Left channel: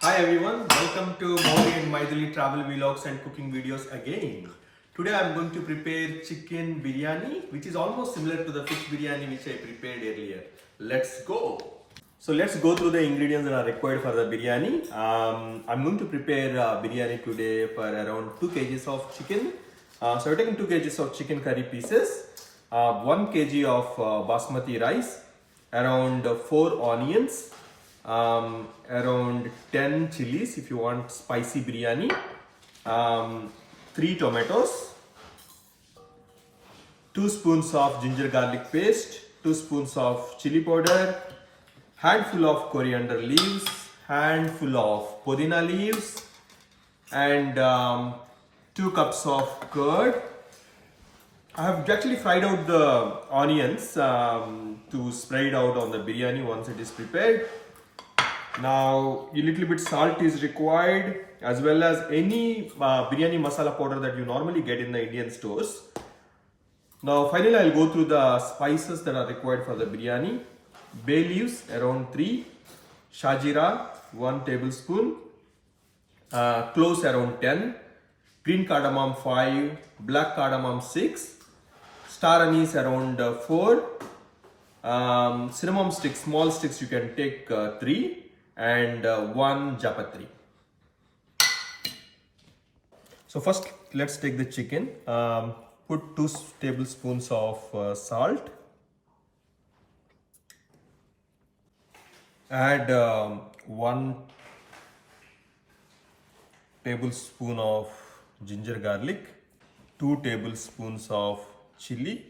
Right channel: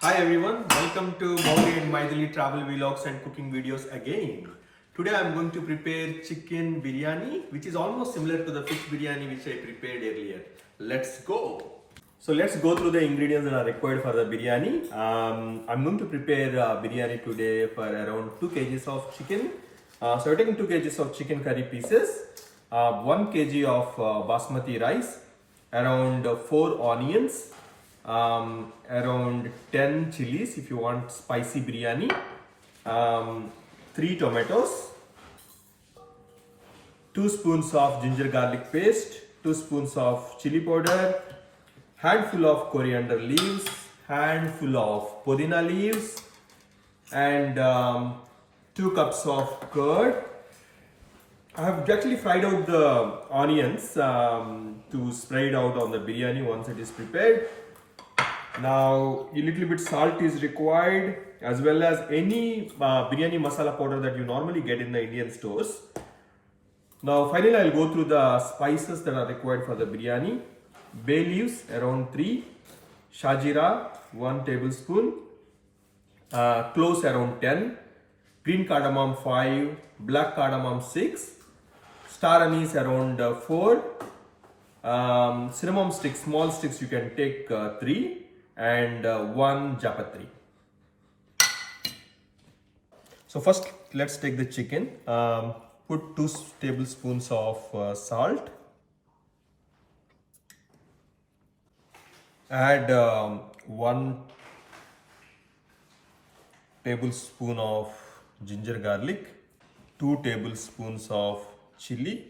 Hi everyone, welcome to Mauli and Maithili travel vlogs and cooking videos again. Today I am going to prepare chicken biryani, which is almost similar to the fish biryani which I prepared earlier. Let's go. So let's go through the ingredients that are required for the biryani. I'm going to prepare biryani today for around 2 kgs of chicken. So we're taking 2 kgs of chicken curry pieces, 1 kg of basmati rice, around 4 onions, around 10 chilies if you want spicy biryani, 3 tomatoes, 2 spoons of ginger garlic paste, 2 spoons of chili powder, handful of coriander leaves, handful of pudina leaves, and 2 cups of curd. I have actually fried out the onions to spread out on the biryani once it is prepared. Now a little bit salt is required, as well as any biryani masala powder that you normally get in the Indian stores. Now finally I'll go through the spices that are required for the biryani. Bay leaves around 3, shajira 1 tablespoon, cloves around 10, green cardamom 5, black cardamom 6, star anise around 4, cinnamon sticks, small sticks you can take 3, and 1 japatri. So first let's take the chicken. Put 2 tablespoons of salt. Add 1 tablespoon of ginger garlic, 2 tablespoons of chili,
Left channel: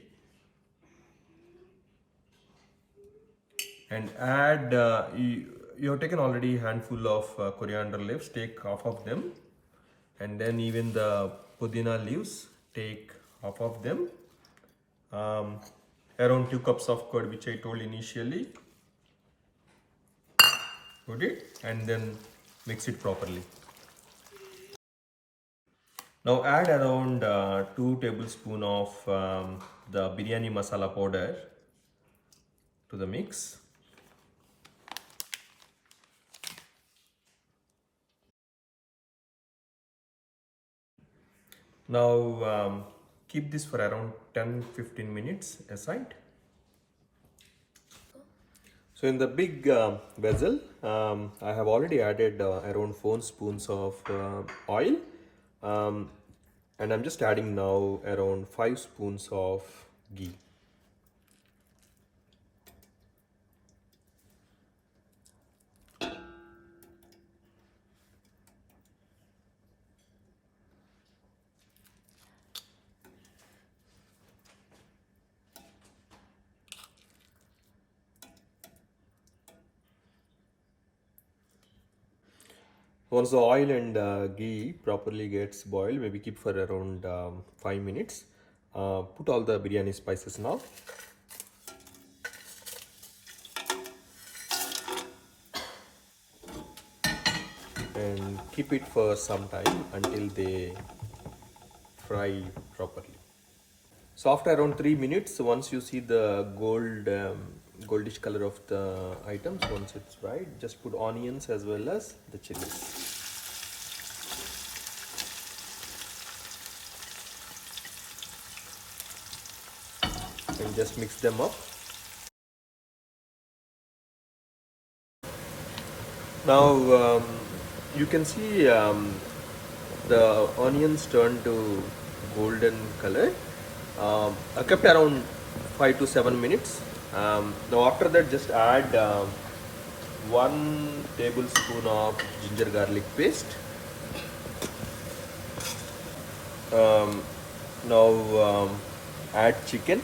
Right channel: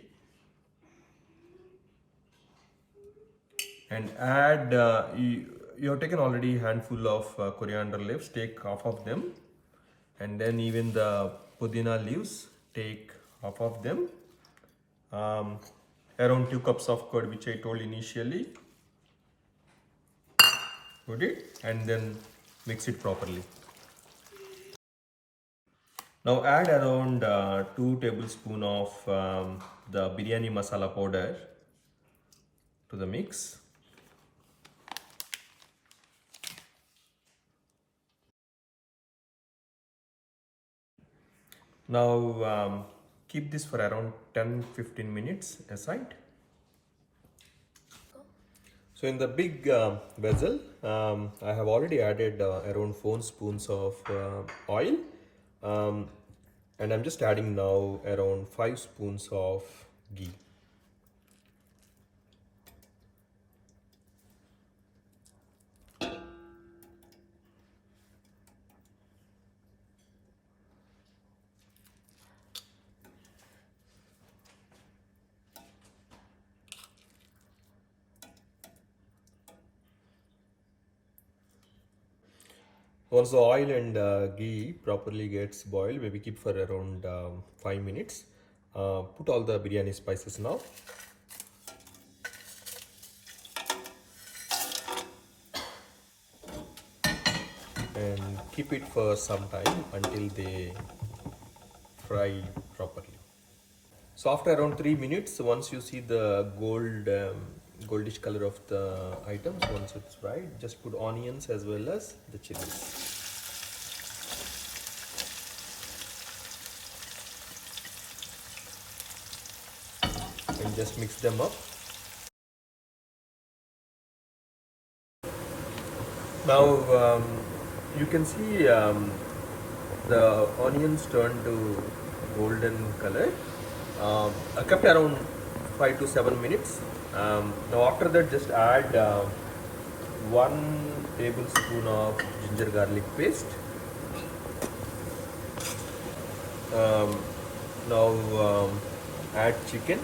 and add you have taken already a handful of coriander leaves, take half of them, and then even the pudina leaves, take half of them, around 2 cups of curd which I told initially. Put it and then mix it properly. Now add around 2 tablespoons of the biryani masala powder to the mix. Now keep this for around 10-15 minutes aside. So in the big vessel, I have already added around 4 spoons of oil, and I'm just adding now around 5 spoons of ghee. Once the oil and ghee properly gets boiled, maybe keep for around 5 minutes. Put all the biryani spices now. And keep it for some time until they fry properly. So after around 3 minutes, once you see the goldish color of the items, once it's fried, just put onions as well as the chilies. And just mix them up. Now you can see the onions turn to golden color. I kept around 5 to 7 minutes. Now after that, just add 1 tablespoon of ginger garlic paste. Now add chicken.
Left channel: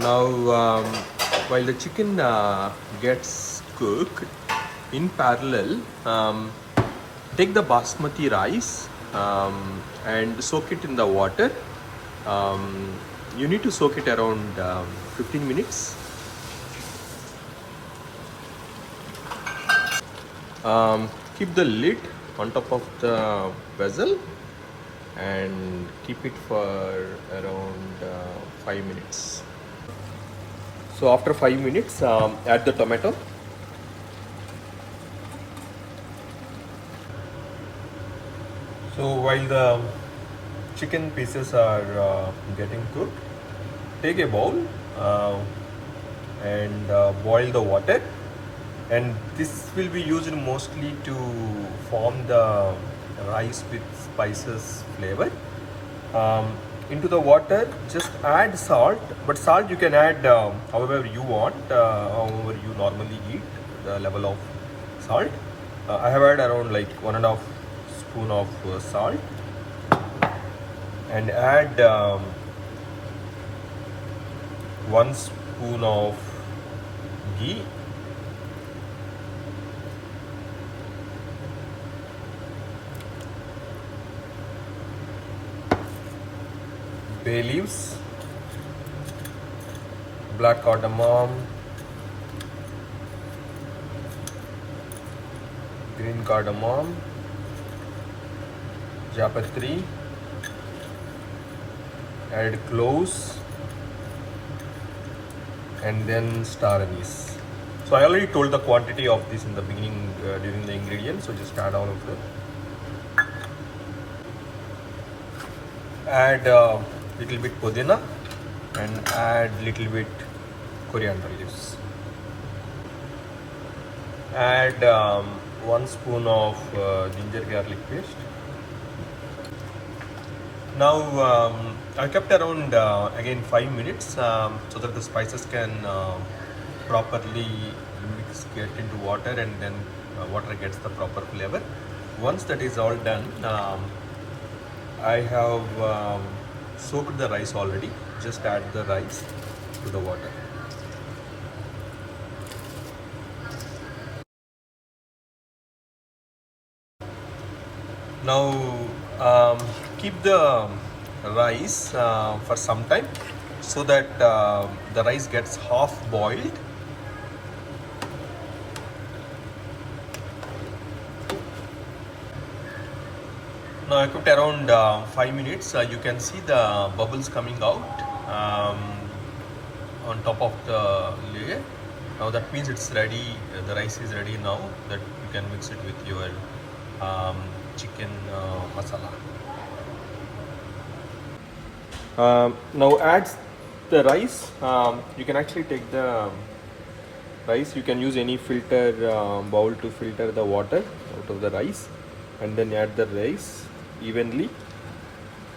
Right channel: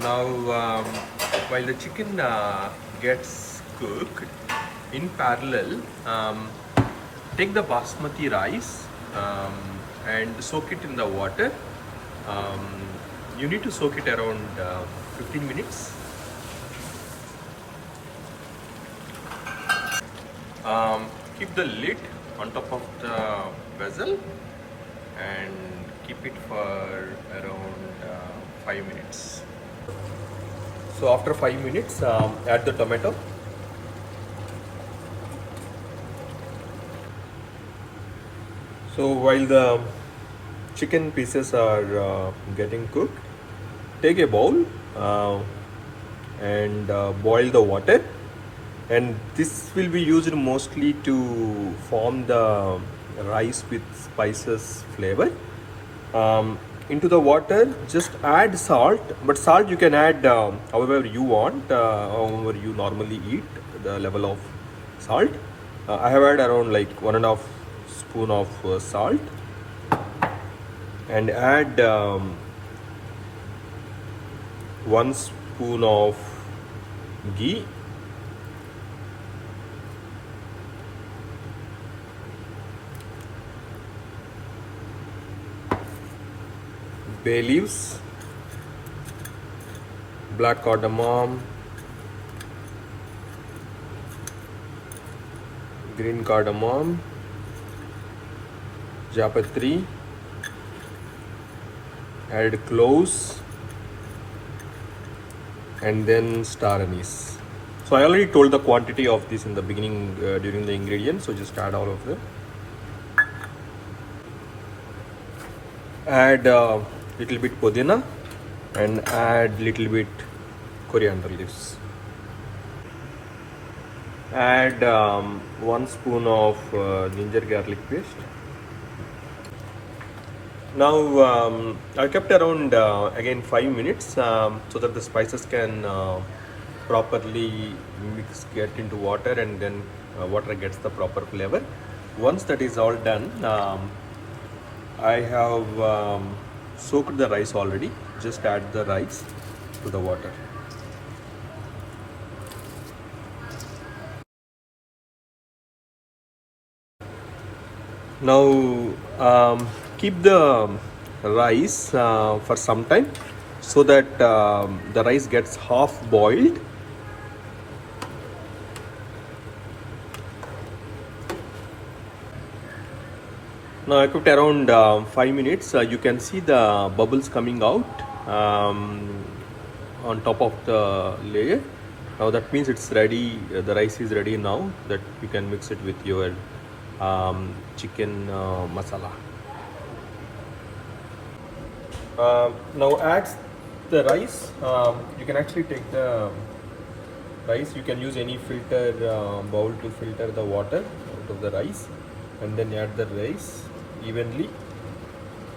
Now, while the chicken gets cooked, in parallel, take the basmati rice and soak it in the water. You need to soak it around 15 minutes. Keep the lid on top of the vessel and keep it for around 5 minutes. So after 5 minutes, add the tomato. So while the chicken pieces are getting cooked, take a bowl and boil the water, and this will be used mostly to form the rice with spices flavor. Into the water, just add salt, but salt you can add however you want, however you normally eat, the level of salt. I have added around like 1.5 spoon of salt, and add 1 spoon of ghee, bay leaves, black cardamom, green cardamom, japatri, add cloves, and then star anise. So I already told the quantity of this in the beginning during the ingredients, so just add all of them. Add little bit pudina and add little bit coriander leaves. Add 1 spoon of ginger garlic paste. Now I kept around again 5 minutes so that the spices can properly get into water, and then water gets the proper flavor. Once that is all done, I have soaked the rice already. Just add the rice to the water. Now keep the rice for some time so that the rice gets half boiled. Now I cooked around 5 minutes. You can see the bubbles coming out on top of the layer. Now that means it's ready. The rice is ready now. That you can mix it with your chicken masala. Now add the rice. You can actually take the rice. You can use any filter bowl to filter the water out of the rice, and then add the rice evenly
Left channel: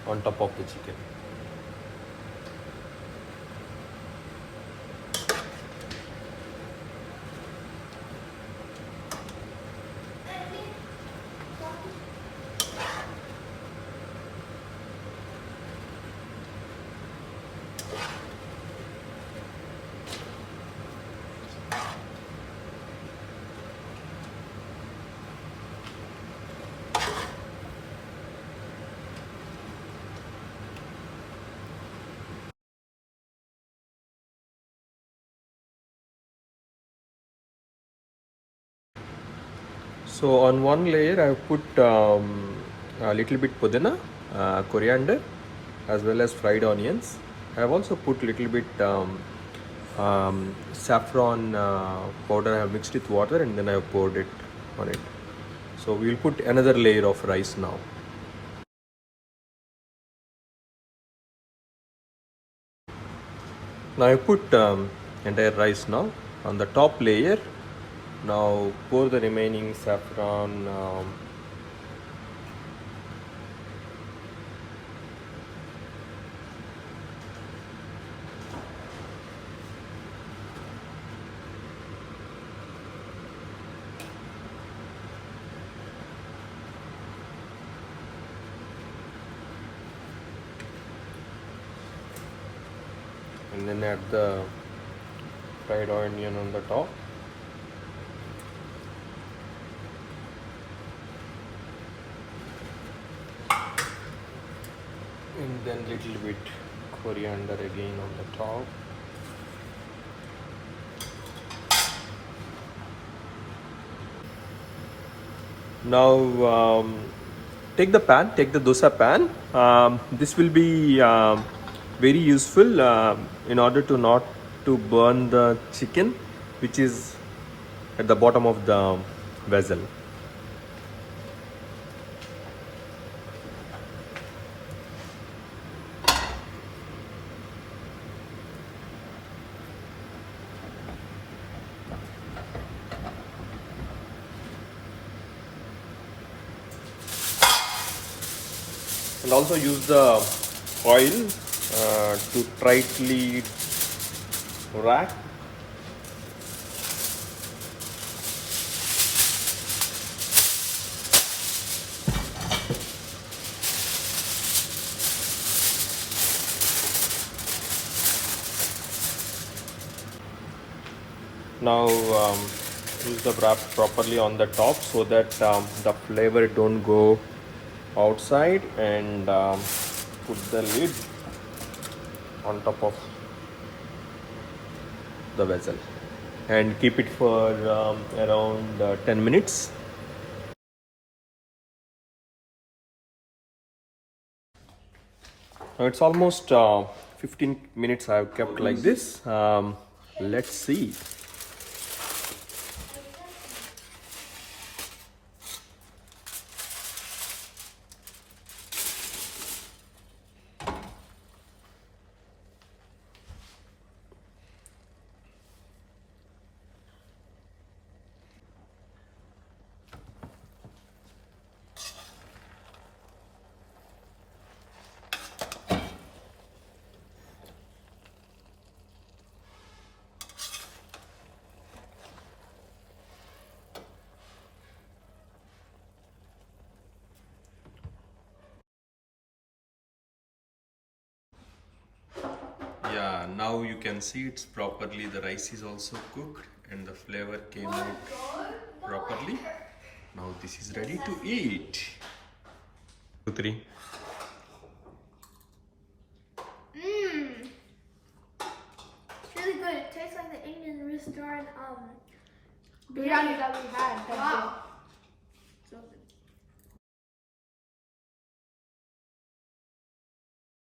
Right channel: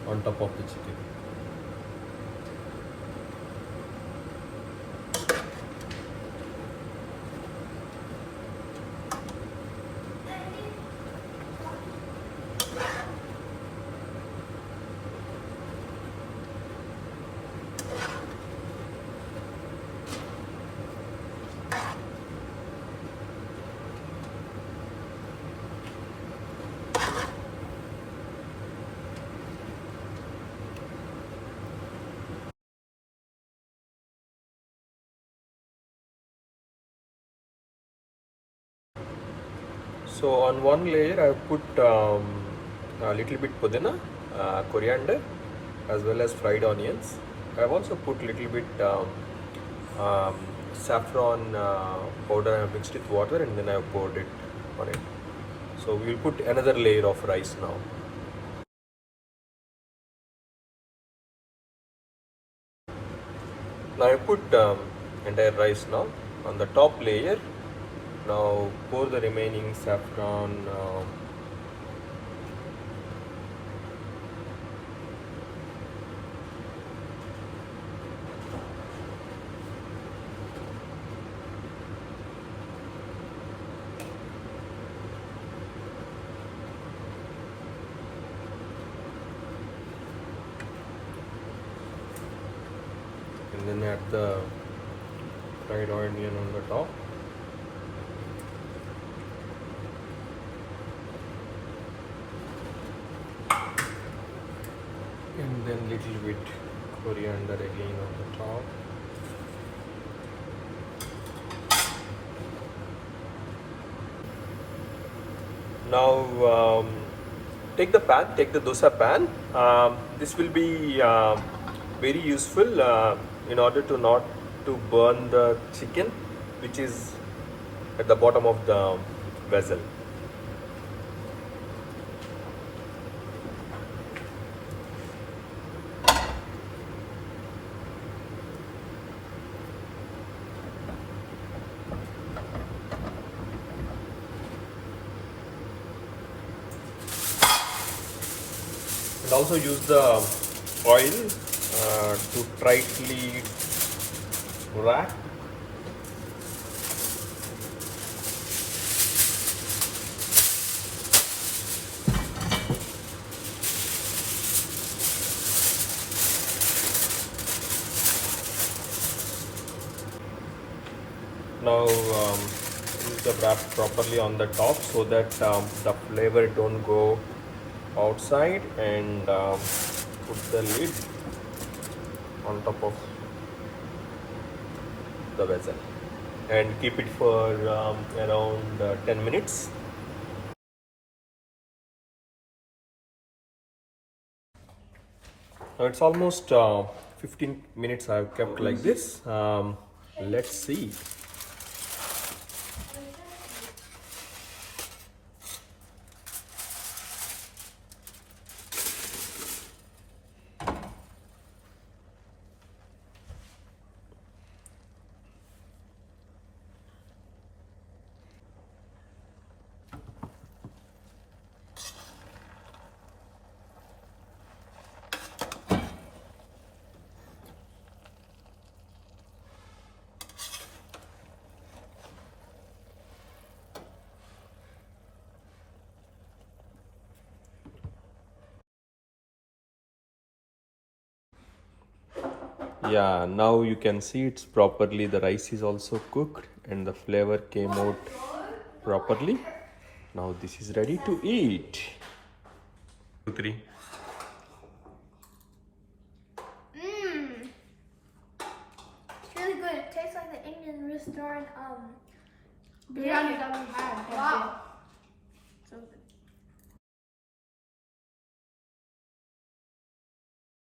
on top of the chicken. So on one layer I have put a little bit pudina, coriander, as well as fried onions. I have also put little bit saffron powder. I have mixed with water and then I have poured it on it. So we will put another layer of rice now. Now I put entire rice now on the top layer. Now pour the remaining saffron and then then add the fried onion on the top. And then little bit coriander again on the top. Now take the dosa pan. This will be very useful in order to not to burn the chicken, which is at the bottom of the vessel. And also use the oil to tightly wrap. Now use the wrap properly on the top so that the flavor don't go outside, and put the lid on top of the vessel and keep it for around 10 minutes. Now it's almost 15 minutes I've kept like this. Let's see. Yeah, now you can see it's properly, the rice is also cooked and the flavor came out properly. Now this is ready to eat. 2, 3. It's really good. It tastes like the Indian restaurant biryani that we had.